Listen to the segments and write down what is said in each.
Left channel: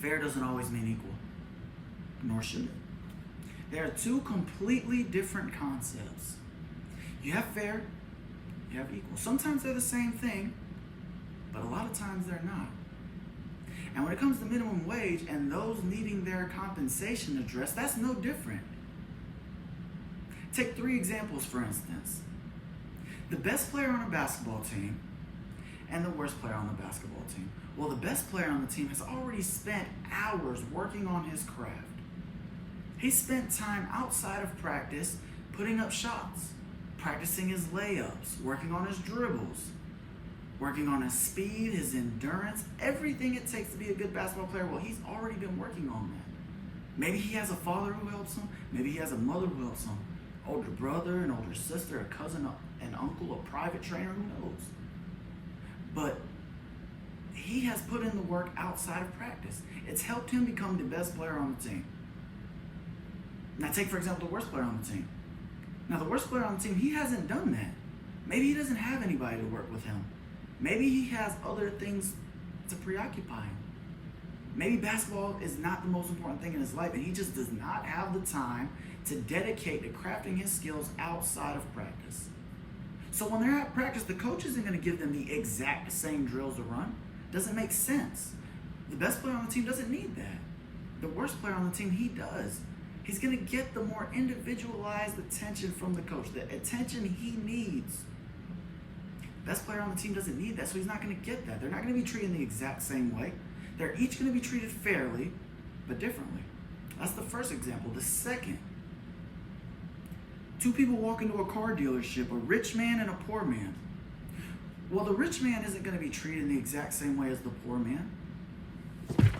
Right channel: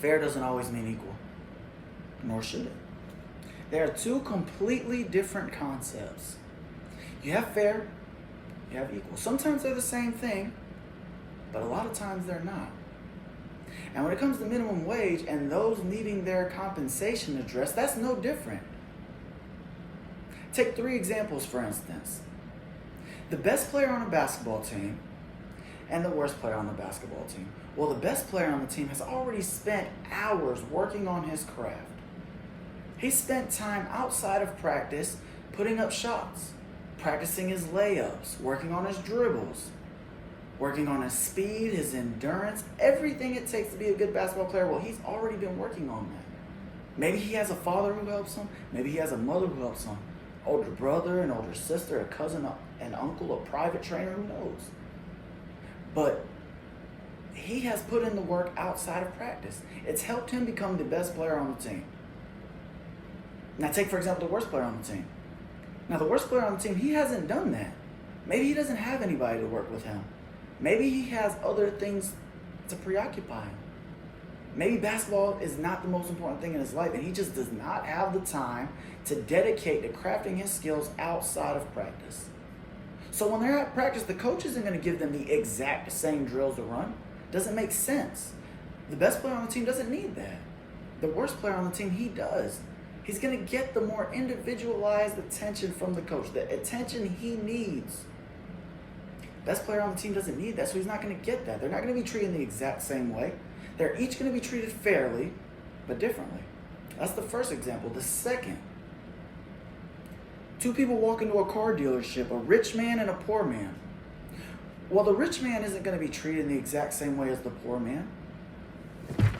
Fair doesn't always mean equal, nor should it. They are two completely different concepts. You have fair, you have equal. Sometimes they're the same thing, but a lot of times they're not. And when it comes to minimum wage and those needing their compensation addressed, that's no different. Take 3 examples, for instance. The best player on a basketball team and the worst player on the basketball team. Well, the best player on the team has already spent hours working on his craft. He spent time outside of practice putting up shots, practicing his layups, working on his dribbles, working on his speed, his endurance, everything it takes to be a good basketball player. Well, he's already been working on that. Maybe he has a father who helps him. Maybe he has a mother who helps him. Older brother, an older sister, a cousin, an uncle, a private trainer, who knows? But he has put in the work outside of practice. It's helped him become the best player on the team. Now take, for example, the worst player on the team. Now the worst player on the team, he hasn't done that. Maybe he doesn't have anybody to work with him. Maybe he has other things to preoccupy him. Maybe basketball is not the most important thing in his life, and he just does not have the time to dedicate to crafting his skills outside of practice. So when they're at practice, the coach isn't going to give them the exact same drills to run. Doesn't make sense. The best player on the team doesn't need that. The worst player on the team, he does. He's going to get the more individualized attention from the coach, the attention he needs. Best player on the team doesn't need that, so he's not going to get that. They're not going to be treated the exact same way. They're each going to be treated fairly, but differently. That's the first example. The second, 2 people walk into a car dealership, a rich man and a poor man. Well, the rich man isn't going to be treated in the exact same way as the poor man.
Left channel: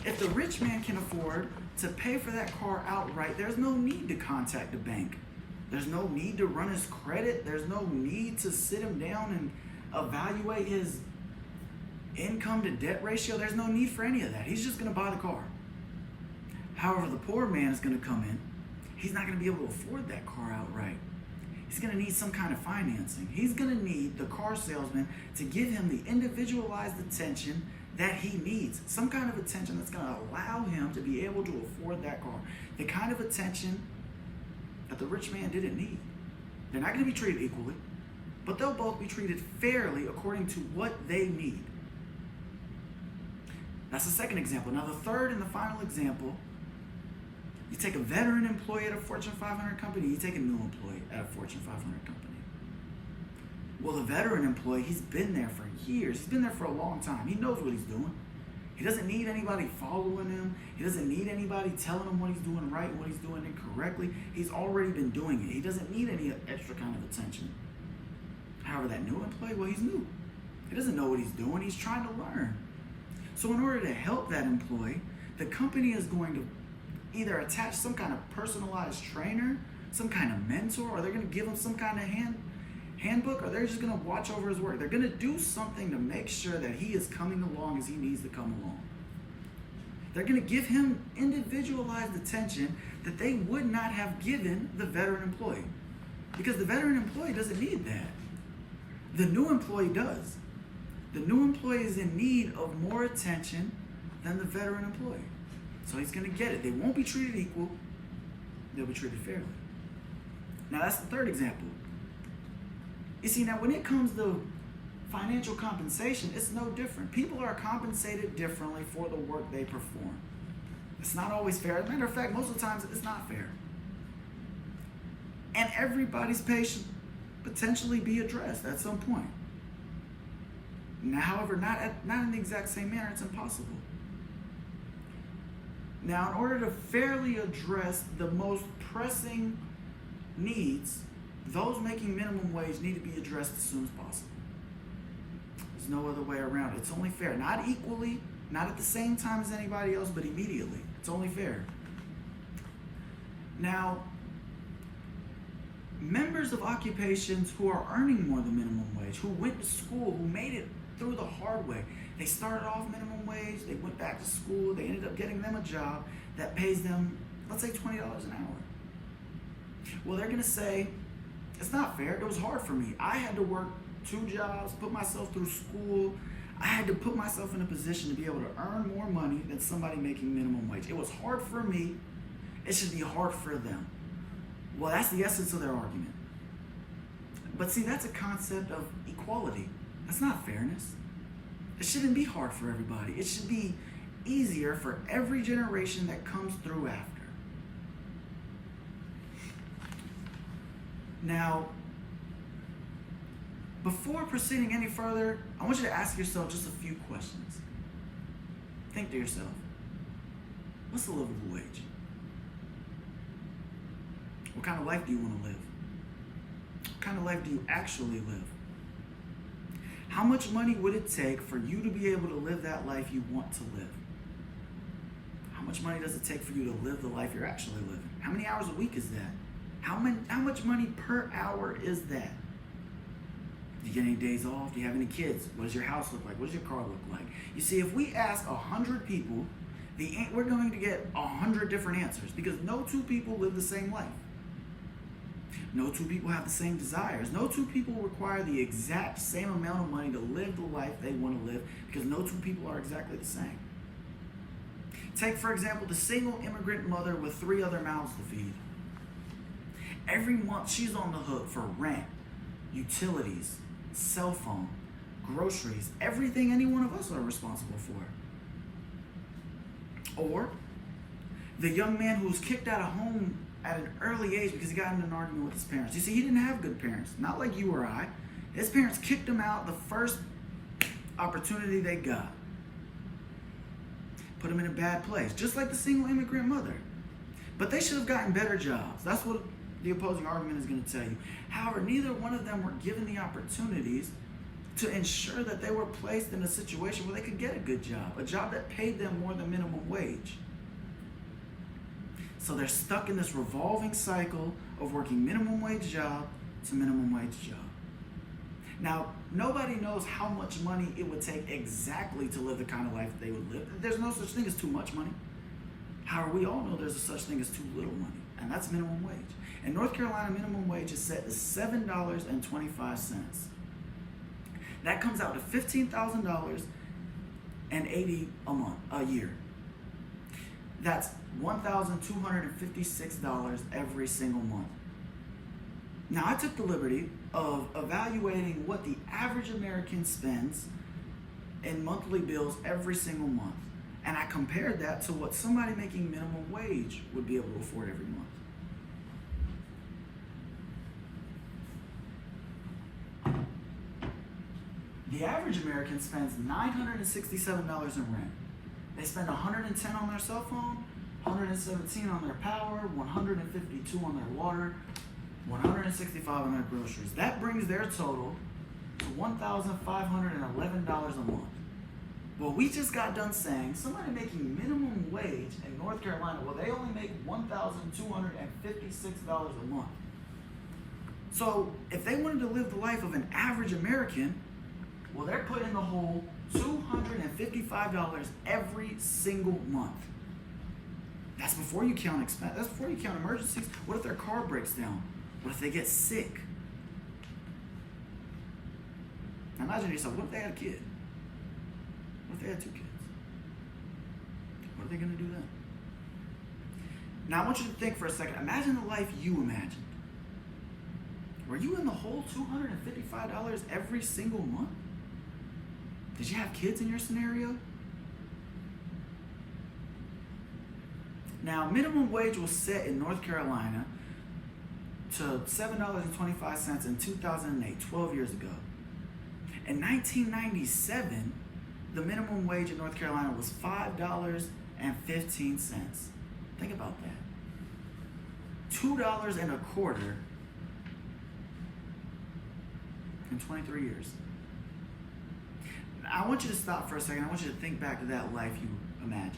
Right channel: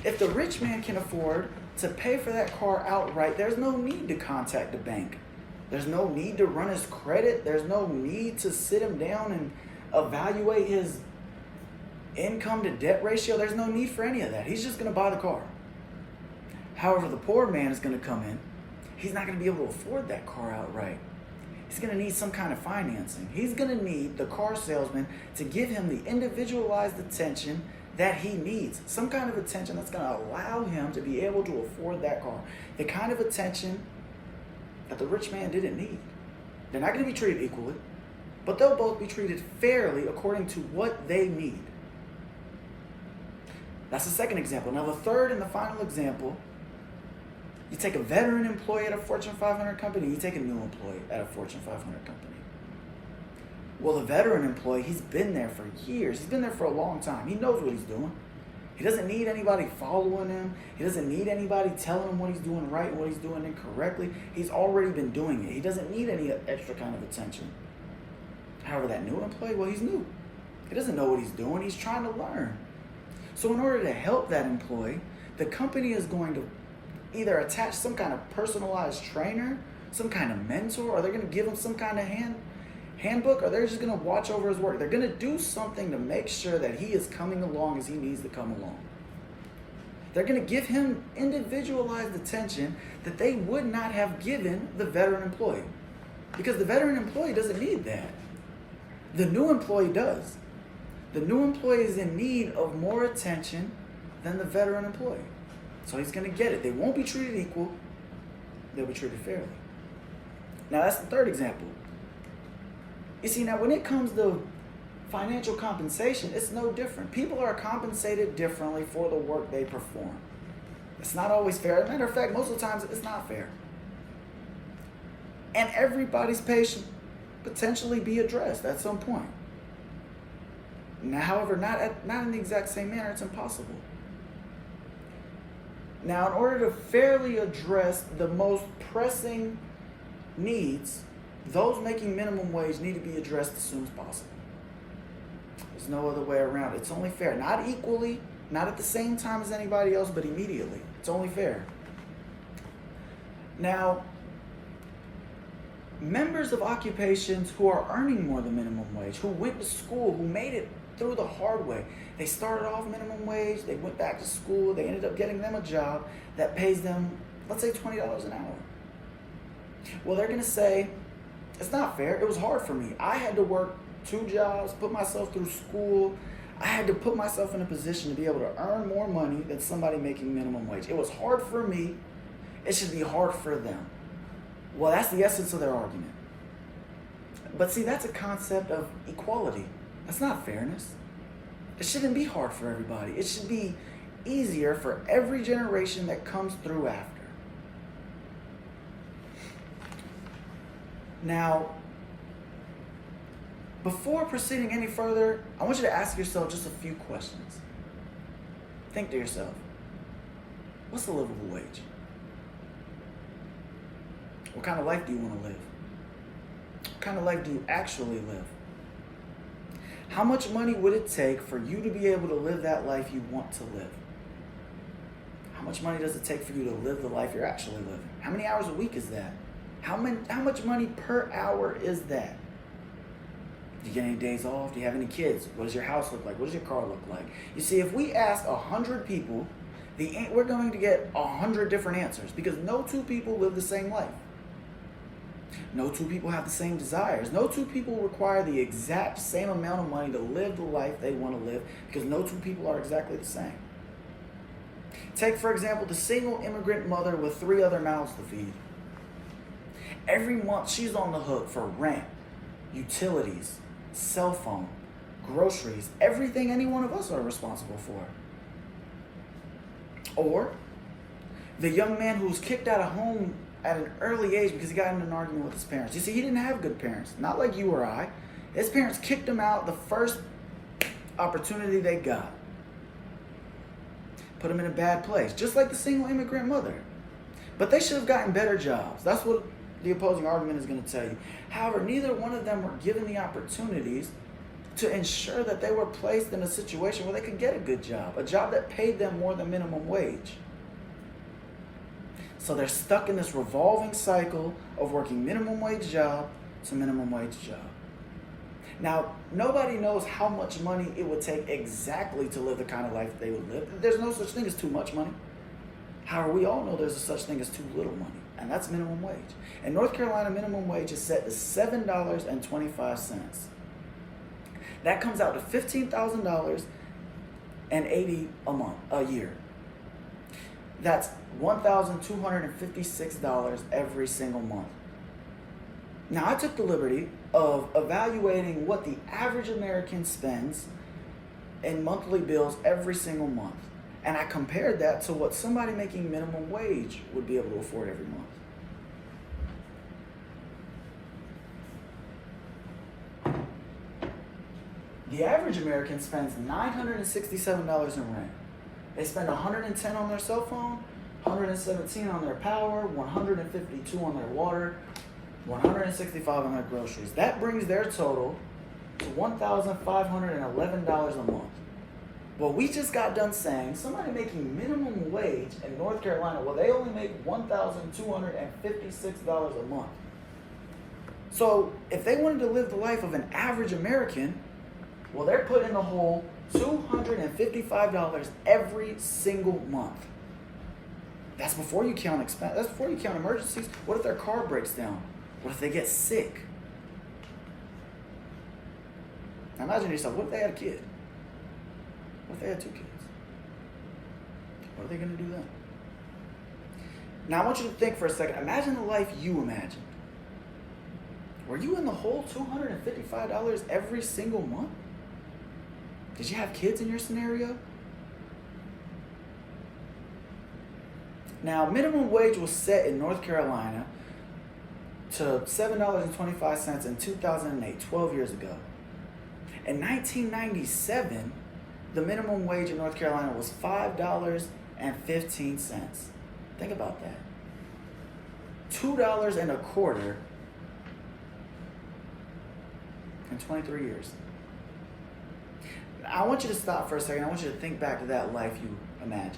If the rich man can afford to pay for that car outright, there's no need to contact the bank. There's no need to run his credit. There's no need to sit him down and evaluate his income to debt ratio. There's no need for any of that. He's just going to buy the car. However, the poor man is going to come in. He's not going to be able to afford that car outright. He's going to need some kind of financing. He's going to need the car salesman to give him the individualized attention that he needs. Some kind of attention that's going to allow him to be able to afford that car. The kind of attention that the rich man didn't need. They're not going to be treated equally, but they'll both be treated fairly according to what they need. That's the second example. Now the third and the final example, you take a veteran employee at a Fortune 500 company, you take a new employee at a Fortune 500 company. Well, the veteran employee, he's been there for years. He's been there for a long time. He knows what he's doing. He doesn't need anybody following him. He doesn't need anybody telling him what he's doing right and what he's doing incorrectly. He's already been doing it. He doesn't need any extra kind of attention. However, that new employee, well, he's new. He doesn't know what he's doing. He's trying to learn. So in order to help that employee, the company is going to either attach some kind of personalized trainer, some kind of mentor, or they're going to give him some kind of handbook, or they're just going to watch over his work. They're going to do something to make sure that he is coming along as he needs to come along. They're going to give him individualized attention that they would not have given the veteran employee, because the veteran employee doesn't need that. The new employee does. The new employee is in need of more attention than the veteran employee. So he's going to get it. They won't be treated equal. They'll be treated fairly. Now that's the third example. You see, now when it comes to financial compensation, it's no different. People are compensated differently for the work they perform. It's not always fair. As a matter of fact, most of the times it's not fair. And everybody's pay should potentially be addressed at some point. Now, however, not in the exact same manner. It's impossible. Now, in order to fairly address the most pressing needs, those making minimum wage need to be addressed as soon as possible. There's no other way around it. It's only fair. Not equally, not at the same time as anybody else, but immediately. It's only fair. Now, members of occupations who are earning more than minimum wage, who went to school, who made it through the hard way. They started off minimum wage, they went back to school, they ended up getting them a job that pays them, let's say $20 an hour. Well, they're gonna say, it's not fair, it was hard for me. I had to work 2 jobs, put myself through school. I had to put myself in a position to be able to earn more money than somebody making minimum wage. It was hard for me. It should be hard for them. Well, that's the essence of their argument. But see, that's a concept of equality. That's not fairness. It shouldn't be hard for everybody. It should be easier for every generation that comes through after. Now, before proceeding any further, I want you to ask yourself just a few questions. Think to yourself, what's a livable wage? What kind of life do you want to live? What kind of life do you actually live? How much money would it take for you to be able to live that life you want to live? How much money does it take for you to live the life you're actually living? How many hours a week is that? How much money per hour is that? Do you get any days off? Do you have any kids? What does your house look like? What does your car look like? You see, if we ask 100 people, we're going to get 100 different answers because no two people live the same life. No two people have the same desires. No two people require the exact same amount of money to live the life they want to live because no two people are exactly the same. Take, for example, the single immigrant mother with 3 other mouths to feed. Every month she's on the hook for rent, utilities, cell phone, groceries, everything any one of us are responsible for. Or the young man who's kicked out of home at an early age because he got in an argument with his parents. You see, he didn't have good parents, not like you or I. His parents kicked him out the first opportunity they got. Put him in a bad place, just like the single immigrant mother. But they should have gotten better jobs. That's what the opposing argument is going to tell you. However, neither one of them were given the opportunities to ensure that they were placed in a situation where they could get a good job, a job that paid them more than minimum wage. So they're stuck in this revolving cycle of working minimum wage job to minimum wage job. Now, nobody knows how much money it would take exactly to live the kind of life that they would live. There's no such thing as too much money. However, we all know there's a such thing as too little money, and that's minimum wage. In North Carolina, minimum wage is set to $7.25. That comes out to $15,080 a year. That's $1,256 every single month. Now, I took the liberty of evaluating what the average American spends in monthly bills every single month. And I compared that to what somebody making minimum wage would be able to afford every month. The average American spends $967 in rent. They spend $110 on their cell phone, $117 on their power, $152 on their water, $165 on their groceries. That brings their total to $1,511 a month. Well, we just got done saying somebody making minimum wage in North Carolina, well, they only make $1,256 a month. So if they wanted to live the life of an average American, well, they're put in the hole $255 every single month. That's before you count expense. That's before you count emergencies. What if their car breaks down? What if they get sick? Now imagine yourself, what if they had a kid? What if they had 2 kids? What are they going to do then? Now I want you to think for a second. Imagine the life you imagined. Were you in the hole $255 every single month? Did you have kids in your scenario? Now, minimum wage was set in North Carolina to $7.25 in 2008, 12 years ago. In 1997, the minimum wage in North Carolina was $5.15. Think about that. $2.25 in 23 years. I want you to stop for a second. I want you to think back to that life you imagined.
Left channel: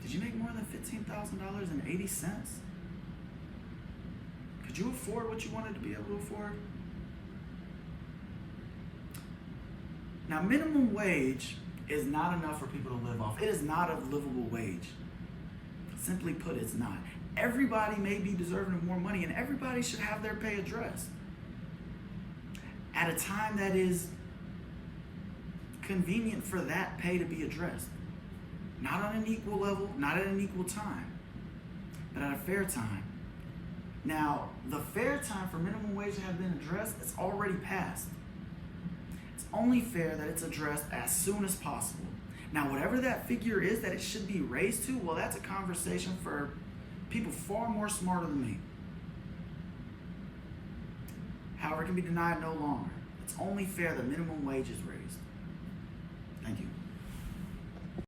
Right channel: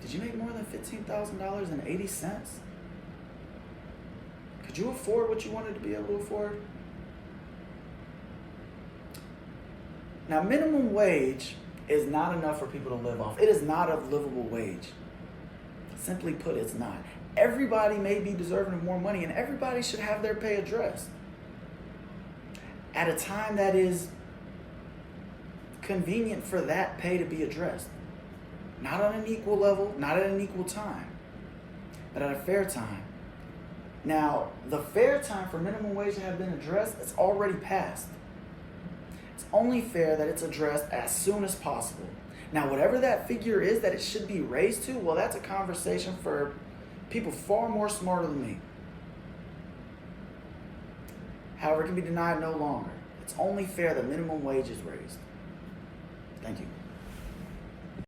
Did you make more than $15,000.80? Could you afford what you wanted to be able to afford? Now, minimum wage is not enough for people to live off. It is not a livable wage. Simply put, it's not. Everybody may be deserving of more money, and everybody should have their pay addressed at a time that is convenient for that pay to be addressed. Not on an equal level, not at an equal time, but at a fair time. Now, the fair time for minimum wage to have been addressed, it's already passed. It's only fair that it's addressed as soon as possible. Now, whatever that figure is that it should be raised to, well, that's a conversation for people far more smarter than me. However, it can be denied no longer. It's only fair that minimum wage is raised. Thank you.